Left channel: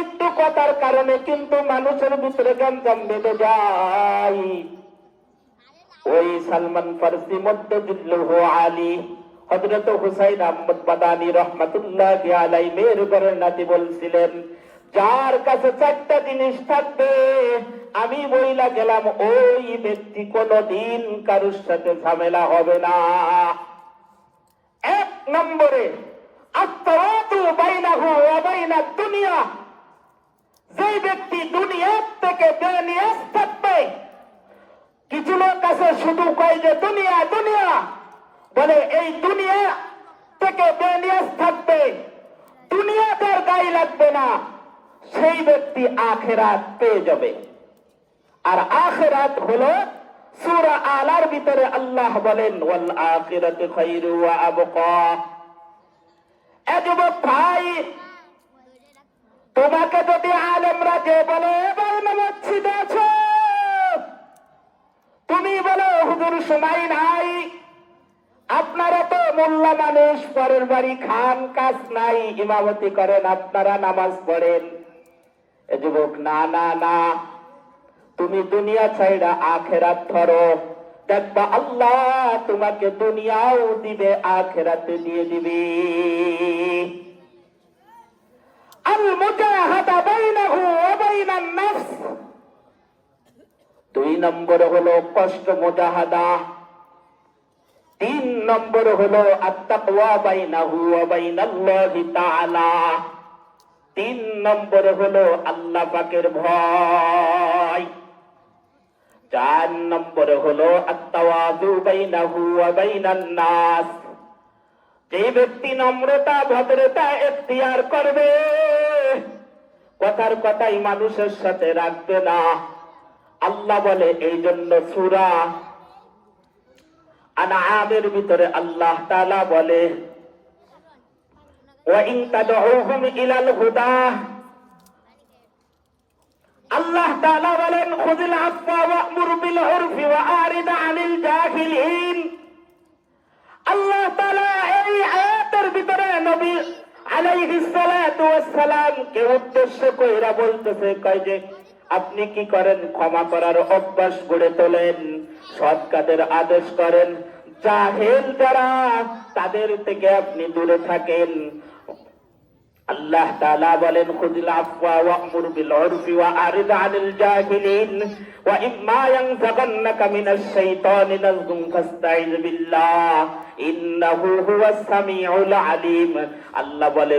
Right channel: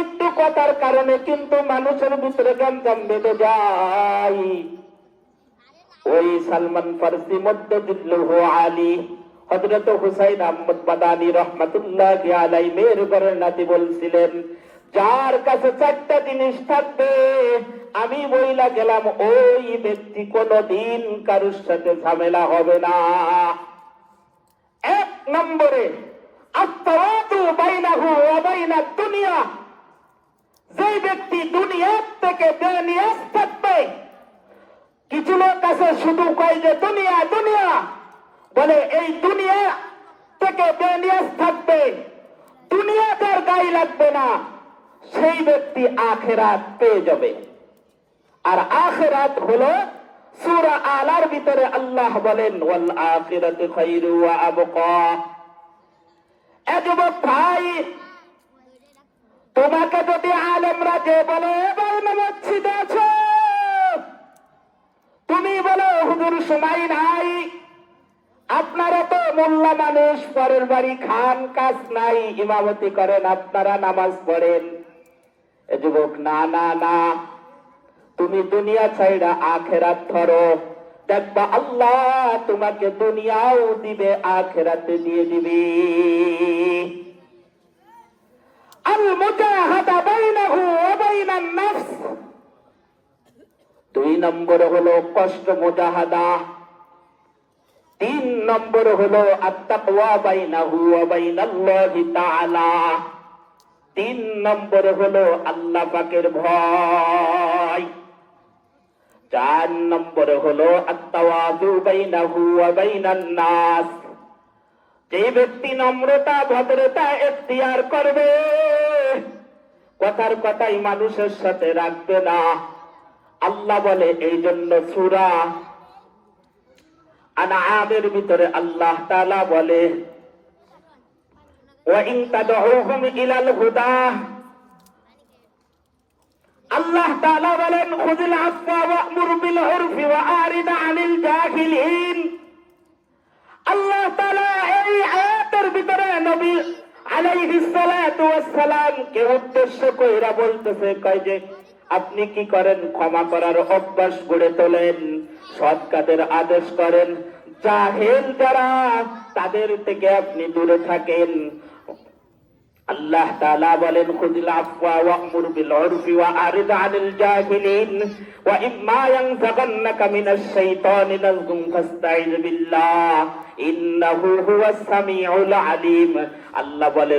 একটু কথার কারণে কিন্তু মানুষের ভিতরে গঞ্জাম বেঁধে যায়। ওই সালমান ফার্সি মধ্যে জিল্লুহ আলী হজরত হুসাইন আহমদ বাদানি রহমতুল্লাহ আলাইনের ঘরের নাতি বলছিলেন, যার কাছে চারটা জিনিস থাকবে, আমি বইলা গেলাম, ওই ব্যক্তি কোনদিন কারোর সাথে ঝামেলা হবে না। এক নম্বরে, আত্মরাতু বাইনাহু ওয়া বাইনা দুনিয়া। যে ব্যক্তি দুনিয়ার থেকে বেনিয়াস থাকবে। কিছু লোক আছে, শুধু কয় যে দুনিয়া দুনিয়া। বলে, এই দুনিয়া থেকে বেনিয়াস থাকবে। দুনিয়া তার গায়ে লাগবে না। সেই ব্যক্তি আখেরাত পেয়ে যাবে। আর আখেরাত হলো সূরা আলার ভিতরে আল্লাহ বলেন, ওয়াল আখিরাতু খায়রু ওয়া আবকা। এ যুবক ভাই, তোমাকে যদি আলেমরা যে বলে, এবার মসজিদে আছো। তুমি বলো, হুজুর সময় নাই। আপনারা তো মোল্লা মানুষ পরের বাড়ি খান, কাজ নাই, ইমামতি করেন, আপনারা নামাজ পড়েন। যুবক, না না না। তুমি দুনিয়া ছাইরা আখেরাত ধরো। দেখবা আল্লাহ তোমাকে দুনিয়াও দিবে, আখেরাতে দিয়ে দিবে। আল মুজাহাদা বাইনাহু ওয়া বাইনান দুই নম্বর হলো কষ্ট তিন নম্বর হলো তিন নম্বর হলো আল্লাহ পাকের ভয়। চার নম্বর হলো নাস যে ব্যক্তি নম্রতা, ভদ্রতা, এখতিয়ার করবে কথার কথাই মানুষের সাথে রাখবে না। আল্লাহ বলে এই জন্য সুরা আনাহাদের ভিতরে আল্লাহ তালা বলে আল্লাহ বলেন আল্লাহ আলাইহিস সালাম কে উদ্দেশ্য বলতেছে, কয় যে, আপনি কি করেন? ক্ষমা করার অভ্যাস গড়ে তোলেন, সৎ কাজের আদেশ করেন, জাহেল যারা, তাদের থেকে আপনি দূরে থাকেন। আল্লাহ তাআলা বলেন, খুযুল আফওয়া ওয়া'মুর বিল উরফি ওয়া আরিদ আনিল জাহিলিন ওয়া ইম্মা ইয়ানফাকান্নাকা মিনাশ শাইতানি নাযুম ফাস্তাইন বিল্লাহ, ইন্নাহু হুয়াস সামিউল আলিম। আল্লাহ বলে